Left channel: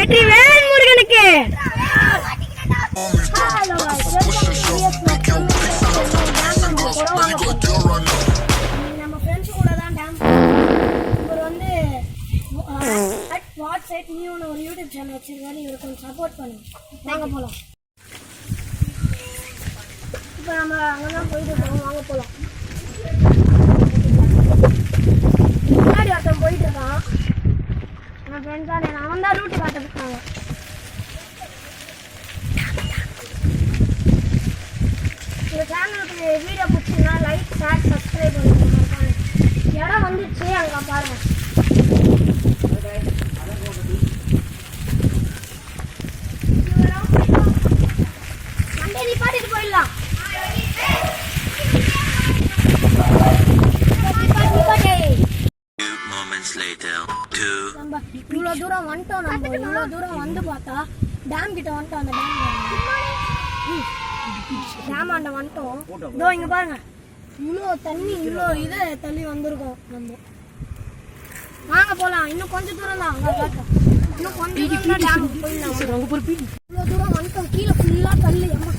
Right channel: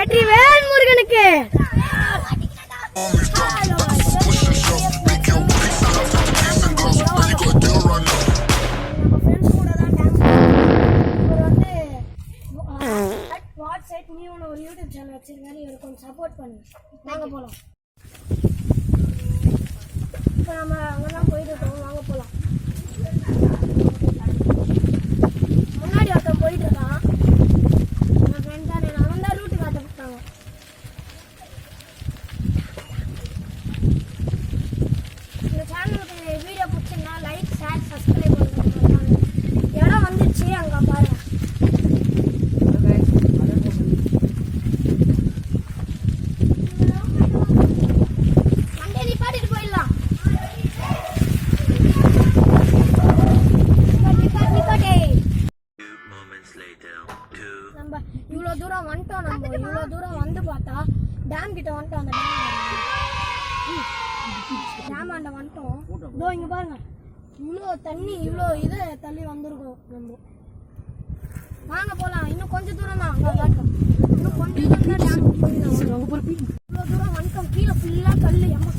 வெற்றிவேல் முருகனுக்கு. ஒரு YouTube channel வச்சிருக்காரு, இவருக்கு கொஞ்சம் சப்போர்ட் பண்ணுங்க. வாங்க போலாம். இப்போ நம்ம அங்கதான் போயிட்டு இருக்கோம், வாங்க போலாம். முன்னாடி ஒருத்தன் போயிட்டு இருக்கான், என் ஃப்ரெண்ட் தான். அவன் தான் ரூட்டு காட்டுறதுக்கு போவான். இந்த சேனலுக்கு வீடியோ பிடிச்சிருந்தா லைக், ஷேர், சப்ஸ்கிரைப் பண்ணுங்க. இடம் வந்துருச்சு, அங்கே பாருங்க. இவ்வளோ தூரம் வந்துட்டோம், நம்ம இவ்வளோ தூரம் வந்து பார்த்தா டேம் கிட்ட வந்துட்டோம். அந்த டேம் ஆண்ட வந்துட்டோம். இதோ இங்க பாருங்க, இவ்வளோ தண்ணி, இவ்வளோ இது தள்ளி வந்திருக்கோம் நம்ம. வாங்க போலாம், இன்னும் கொஞ்சம் தூரம் தான். அங்கே பார்த்தோம், இன்னும் கொஞ்சம் தூரம் தான் டேமுக்கு போயிடலாம். இவ்வளோ தூரம் வந்துட்டோம், கீழே ஃபுல்லாக கல். அம்மா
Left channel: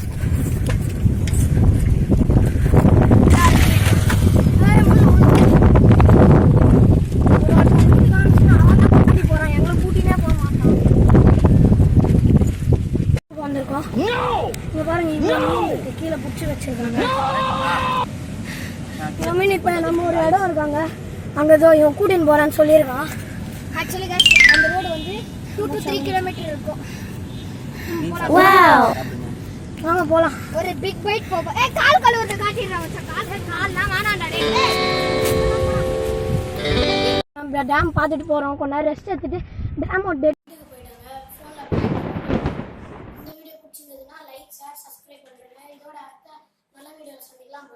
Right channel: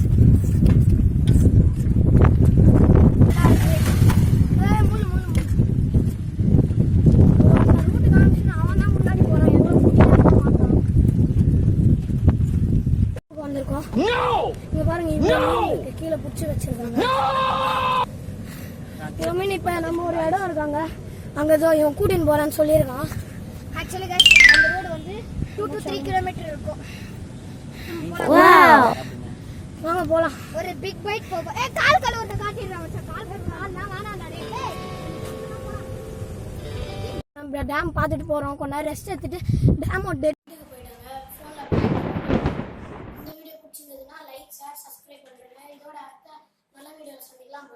கீழே புடிச்சு வச்சிருக்காங்க. இப்ப நம்ம ஒரு இடம் இருக்காங்க, அங்க ஏதோ இவன் கூட்டின்னு போறான்னு சொல்லியிருக்கான். ஆக்சுவலி அந்த ரோடு வந்து 2 to 3 கிலோமீட்டர் இருக்கும். வாங்க போலாம். ஒரு பிக் பைக் போவோம். கால் கழுவுறது காட்டிடுறாங்க. கால்லாம் வேணாண்டா. நம்ம டேம் பார்த்துட்டு போறோம், கொஞ்ச நேரம் ரெஸ்ட் எடுத்துட்டு டேம் போயிட்டாங்க. இந்த வீடியோ பிடிச்சிருந்ததுன்னா லைக், ஷேர், சப்ஸ்கிரைப் பண்ணுங்க. இதோட அடுத்த நல்ல வீடியோல சந்திக்கலாம்.